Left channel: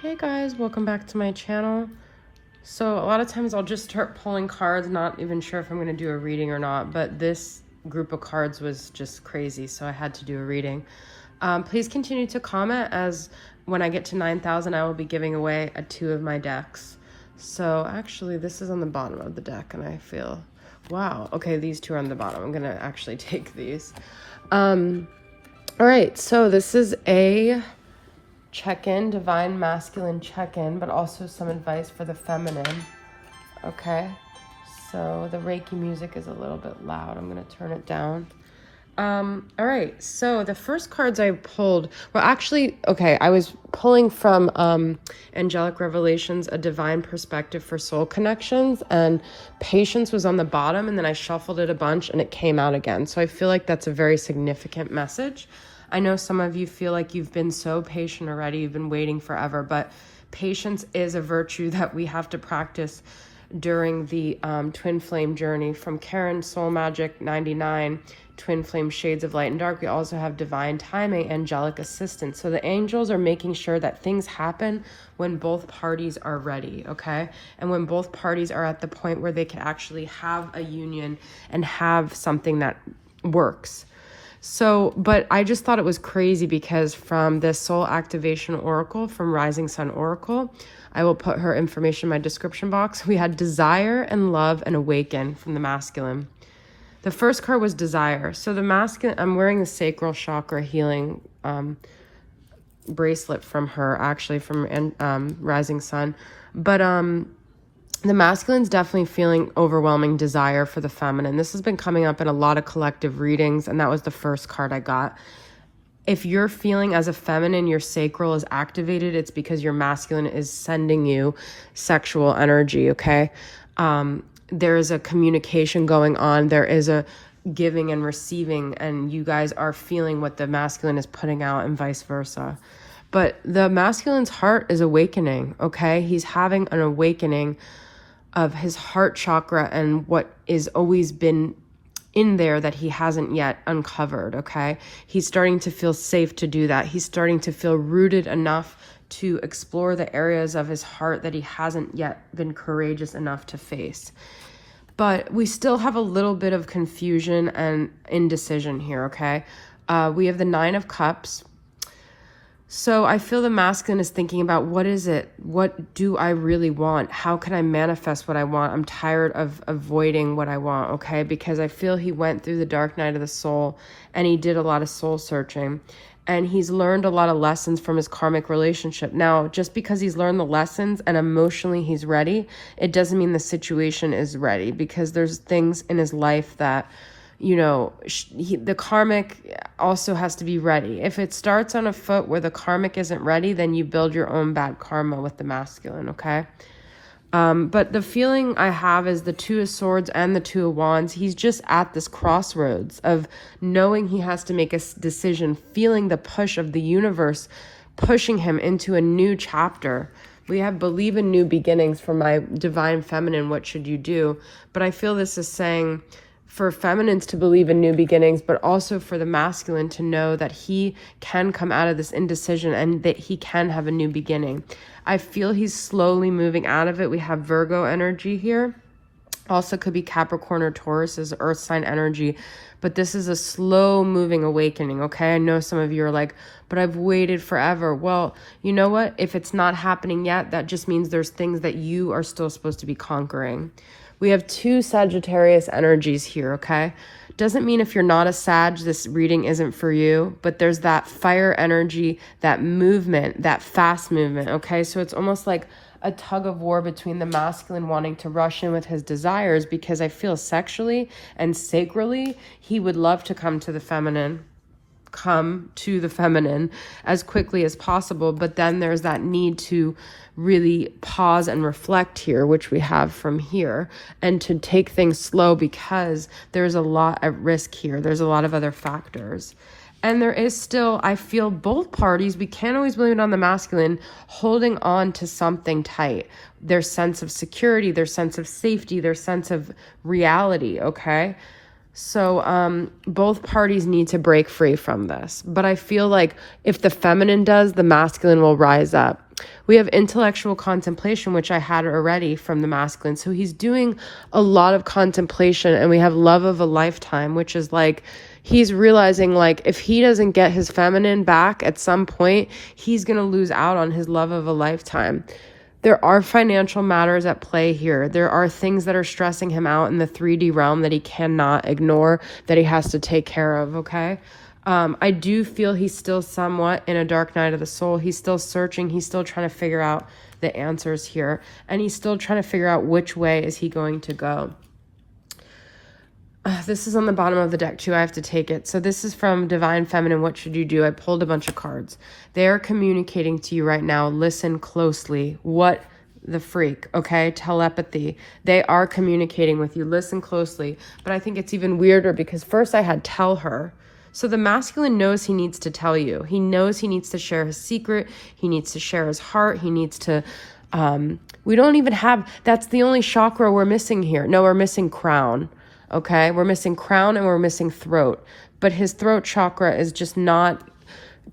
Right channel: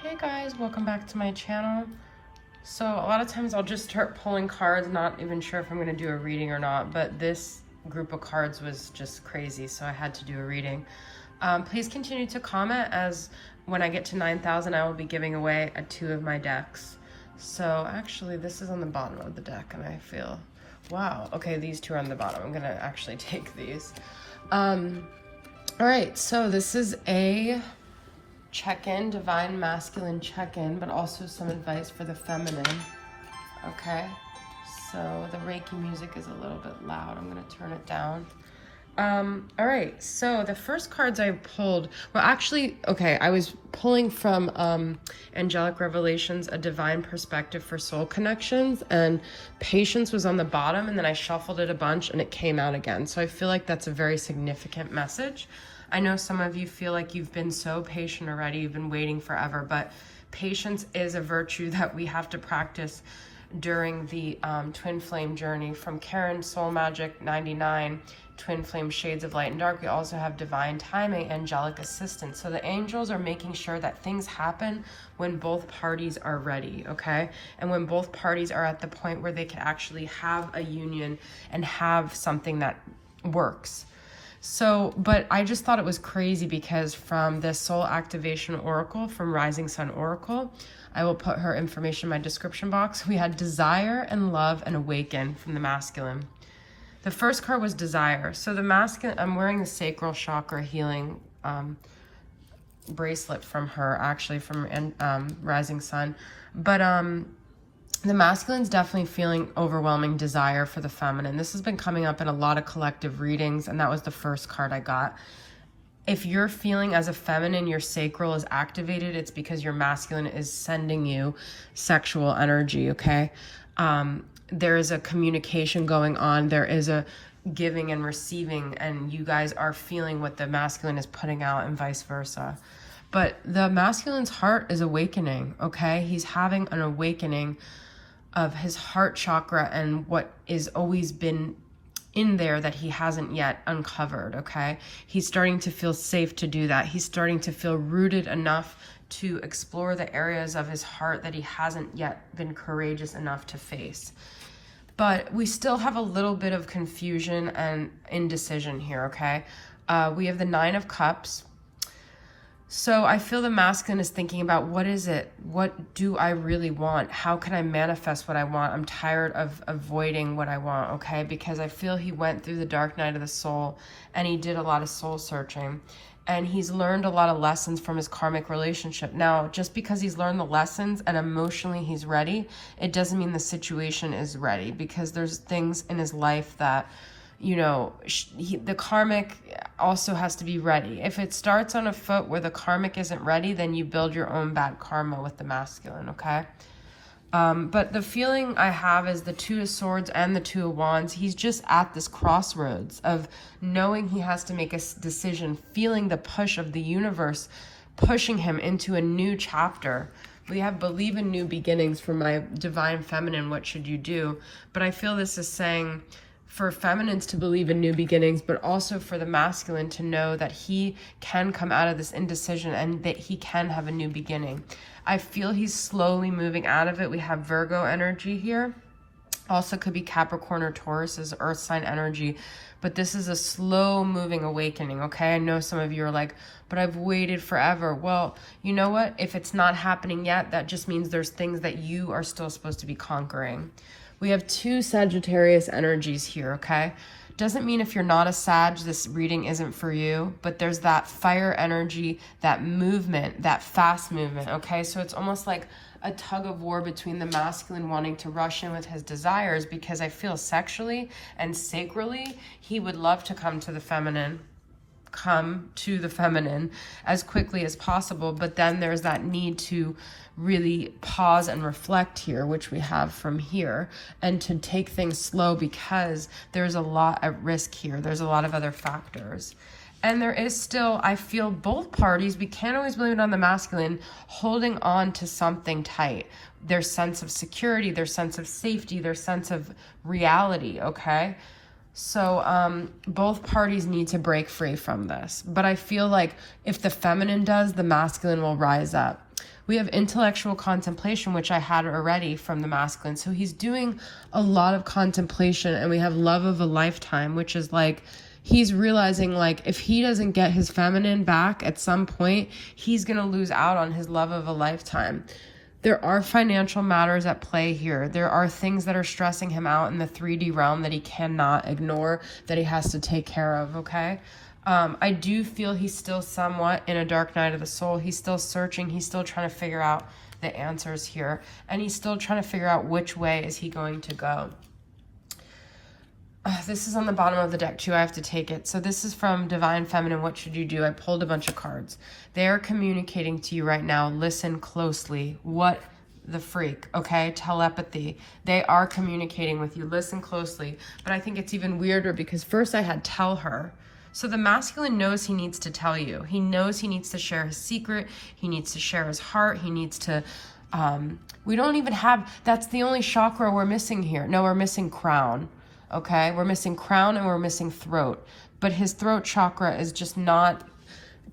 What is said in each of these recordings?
Hey guys, welcome back to my channel. So a lot of times I'll just start pulling cards, not even sure if I'm going to do a reading or not, but this group of cards was just crazy, so I had to do a reading. Please continue to comment, as when I get to 9,000 I will be giving away 2 of my decks. So actually this is on the bottom of the deck and I feel, wow, okay, these 2 are on the bottom. I'm going to actually take these. All right, so this is a check-in, divine masculine check-in, but also some advice for the feminine. Okay, so the Reiki music is a little bit loud. I'm going to turn it down. All right, so the first cards I pulled, well, actually, okay, I was pulling from Angelic Revelations, a divine perspective for soul connections, and patience was on the bottom, and then I shuffled it a bunch and it came out again. So I feel like that's a very significant message. I know some of you feel like you've been so patient already, you've been waiting forever, but patience is a virtue that we have to practice during the twin flame journey. From Karen Soul Magic 99, twin flame shades of light and dark, we also have divine timing, angelic assistance. So the angels are making sure that things happen when both parties are ready, okay? And when both parties are at the point where they can actually have a union and have something that works. So, but I just thought it was crazy because from the Soul Activation Oracle from Rising Sun Oracle, I will put her information in my description box. We had desire and love and awaken from the masculine. The first card was desire. So the masculine, I'm wearing the sacral chakra healing bracelet from her, actually from Rising Sun. But the masculine's definitely feeling overwhelming desire for the feminine. This has been coming up in a lot of collective readings, and that was the first card I got. If you're feeling as a feminine, your sacral is activated, it's because your masculine is sending you sexual energy, okay? There is a communication going on. There is a giving and receiving, and you guys are feeling what the masculine is putting out and vice versa. But the masculine's heart is awakening, okay? He's having an awakening of his heart chakra and what is always been in there that he hasn't yet uncovered, okay? He's starting to feel safe to do that. He's starting to feel rooted enough to explore the areas of his heart that he hasn't yet been courageous enough to face. But we still have a little bit of confusion and indecision here, okay? We have the 9 of Cups. So I feel the masculine is thinking about, what is it? What do I really want? How can I manifest what I want? I'm tired of avoiding what I want, okay? Because I feel he went through the dark night of the soul and he did a lot of soul searching. And he's learned a lot of lessons from his karmic relationship. Now, just because he's learned the lessons and emotionally he's ready, it doesn't mean the situation is ready, because there's things in his life that, you know, the karmic also has to be ready. If it starts on a foot where the karmic isn't ready, then you build your own bad karma with the masculine, okay? But the feeling I have is the 2 of Swords and the 2 of Wands. He's just at this crossroads of knowing he has to make a decision, feeling the push of the universe pushing him into a new chapter. We have believe in new beginnings for my divine feminine. What should you do? But I feel this is saying for feminines to believe in new beginnings, but also for the masculine to know that he can come out of this indecision and that he can have a new beginning. I feel he's slowly moving out of it. We have Virgo energy here. Also could be Capricorn or Taurus as earth sign energy, but this is a slow moving awakening, okay? I know some of you are like, but I've waited forever. Well, you know what? If it's not happening yet, that just means there's things that you are still supposed to be conquering. We have 2 Sagittarius energies here, okay? Doesn't mean if you're not a Sag, this reading isn't for you, but there's that fire energy, that movement, that fast movement, okay? So it's almost like a tug of war between the masculine wanting to rush in with his desires, because I feel sexually and sacrally, he would love to come to the feminine as quickly as possible. But then there's that need to really pause and reflect here, which we have from here, and to take things slow because there's a lot at risk here. There's a lot of other factors. And there is still, I feel both parties, we can't always blame it on the masculine, holding on to something tight. Their sense of security, their sense of safety, their sense of reality, okay? So both parties need to break free from this. But I feel like if the feminine does, the masculine will rise up. We have intellectual contemplation, which I had already from the masculine. So he's doing a lot of contemplation. And we have love of a lifetime, which is like, he's realizing like if he doesn't get his feminine back at some point, he's going to lose out on his love of a lifetime. There are financial matters at play here. There are things that are stressing him out in the 3D realm that he cannot ignore, that he has to take care of, okay? I do feel he's still somewhat in a dark night of the soul. He's still searching. He's still trying to figure out the answers here. And he's still trying to figure out which way is he going to go. This is on the bottom of the deck too. I have to take it. So this is from Divine Feminine. What should you do? I pulled a bunch of cards. They are communicating to you right now. Listen closely. What the freak, okay? Telepathy. They are communicating with you. Listen closely. But I think it's even weirder because first I had tell her. So the masculine knows he needs to tell you. He knows he needs to share his secret. He needs to share his heart. He needs to, we don't even have, that's the only chakra we're missing here. No, we're missing crown. Okay, we're missing crown and we're missing throat. But his throat chakra is just not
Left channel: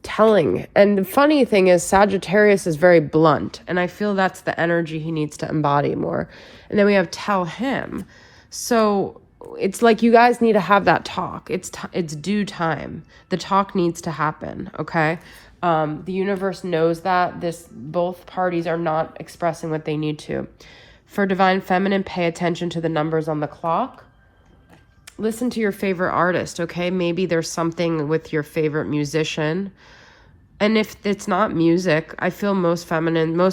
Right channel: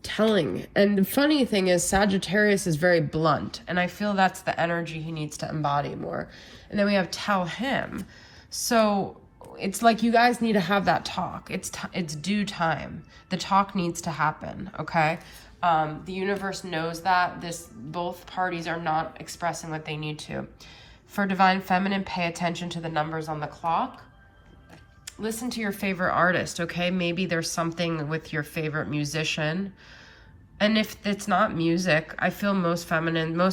telling. And the funny thing is Sagittarius is very blunt. And I feel that's the energy he needs to embody more. And then we have tell him. So it's like you guys need to have that talk. It's due time. The talk needs to happen, okay? The universe knows that both parties are not expressing what they need to. For Divine Feminine, pay attention to the numbers on the clock. Listen to your favorite artist, okay? Maybe there's something with your favorite musician. And if it's not music, I feel most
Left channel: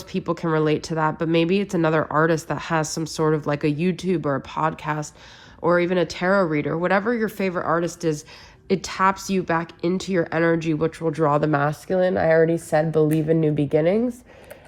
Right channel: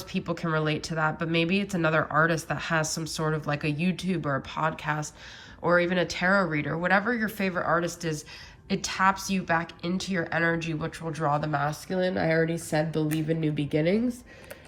people can relate to that, but maybe it's another artist that has some sort of like a YouTube or a podcast or even a tarot reader. Whatever your favorite artist is, it taps you back into your energy, which will draw the masculine. I already said believe in new beginnings.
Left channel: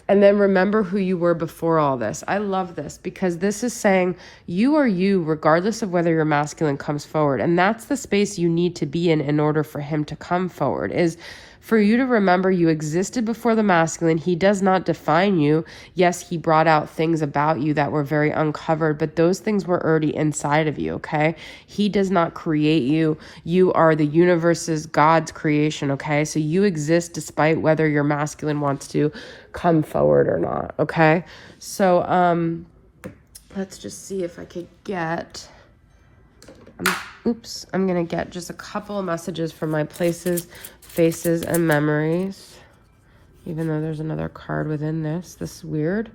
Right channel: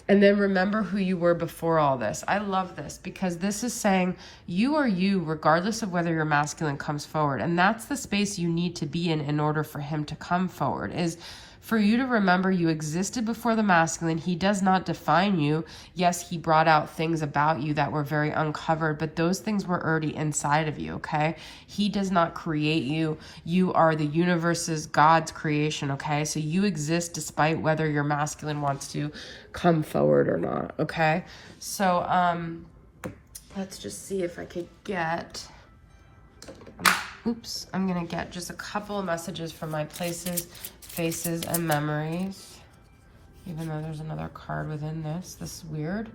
And then remember who you were before all this. I love this because this is saying you are you regardless of whether your masculine comes forward. And that's the space you need to be in order for him to come forward, is for you to remember you existed before the masculine. He does not define you. Yes, he brought out things about you that were very uncovered, but those things were already inside of you, okay? He does not create you. You are the universe's, God's creation, okay? So you exist despite whether your masculine wants to come forward or not, okay? So let's just see if I could get, I'm gonna get just a couple of messages from my places, faces, and memories, even though there's another card within this. This is weird.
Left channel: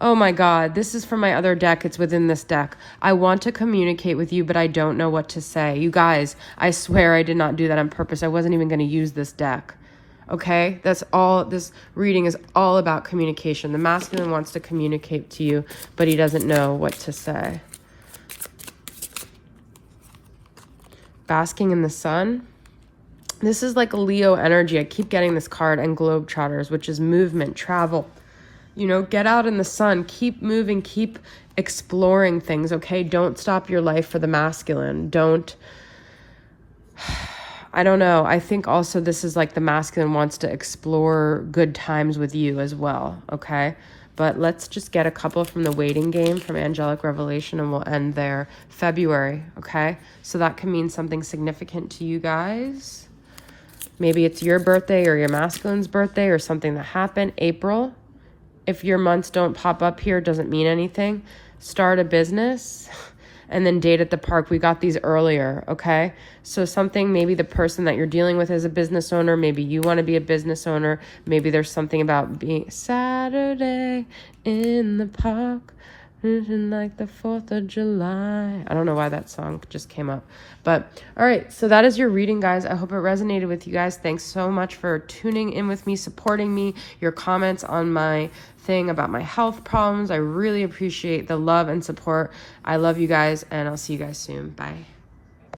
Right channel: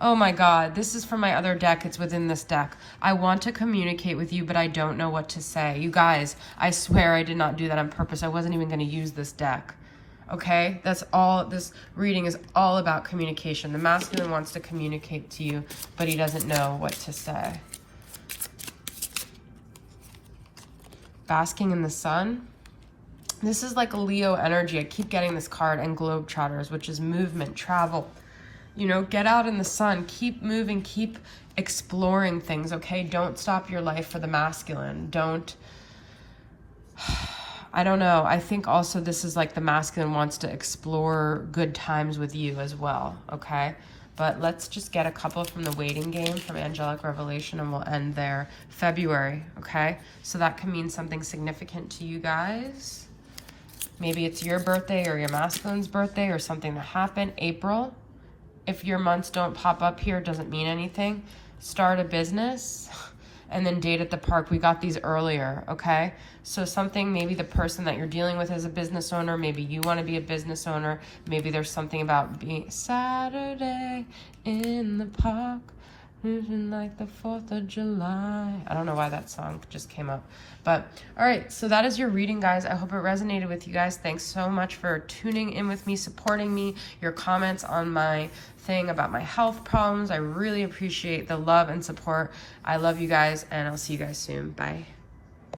Oh my God, this is from my other deck. It's within this deck. I want to communicate with you, but I don't know what to say. You guys, I swear I did not do that on purpose. I wasn't even going to use this deck. Okay, that's all. This reading is all about communication. The masculine wants to communicate to you, but he doesn't know what to say. Basking in the sun. This is like a Leo energy. I keep getting this card, and Globetrotters, which is movement, travel. You know, get out in the sun, keep moving, keep exploring things, okay? Don't stop your life for the masculine. I don't know. I think also this is like the masculine wants to explore good times with you as well, okay? But let's just get a couple from the waiting game from Angelic Revelation and we'll end there. February, okay? So that can mean something significant to you guys. Maybe it's your birthday or your masculine's birthday or something that happened. April, if your months don't pop up here, it doesn't mean anything. Start a business. And then date at the park. We got these earlier, okay? So something, maybe the person that you're dealing with is a business owner. Maybe you want to be a business owner. Maybe there's something about being Saturday in the park, like the 4th of July. I don't know why that song just came up. But, all right, so that is your reading, guys. I hope it resonated with you guys. Thanks so much for tuning in with me, supporting me, your comments on my thing about my health problems. I really appreciate the love and support. I love you guys, and I'll see you guys soon. Bye.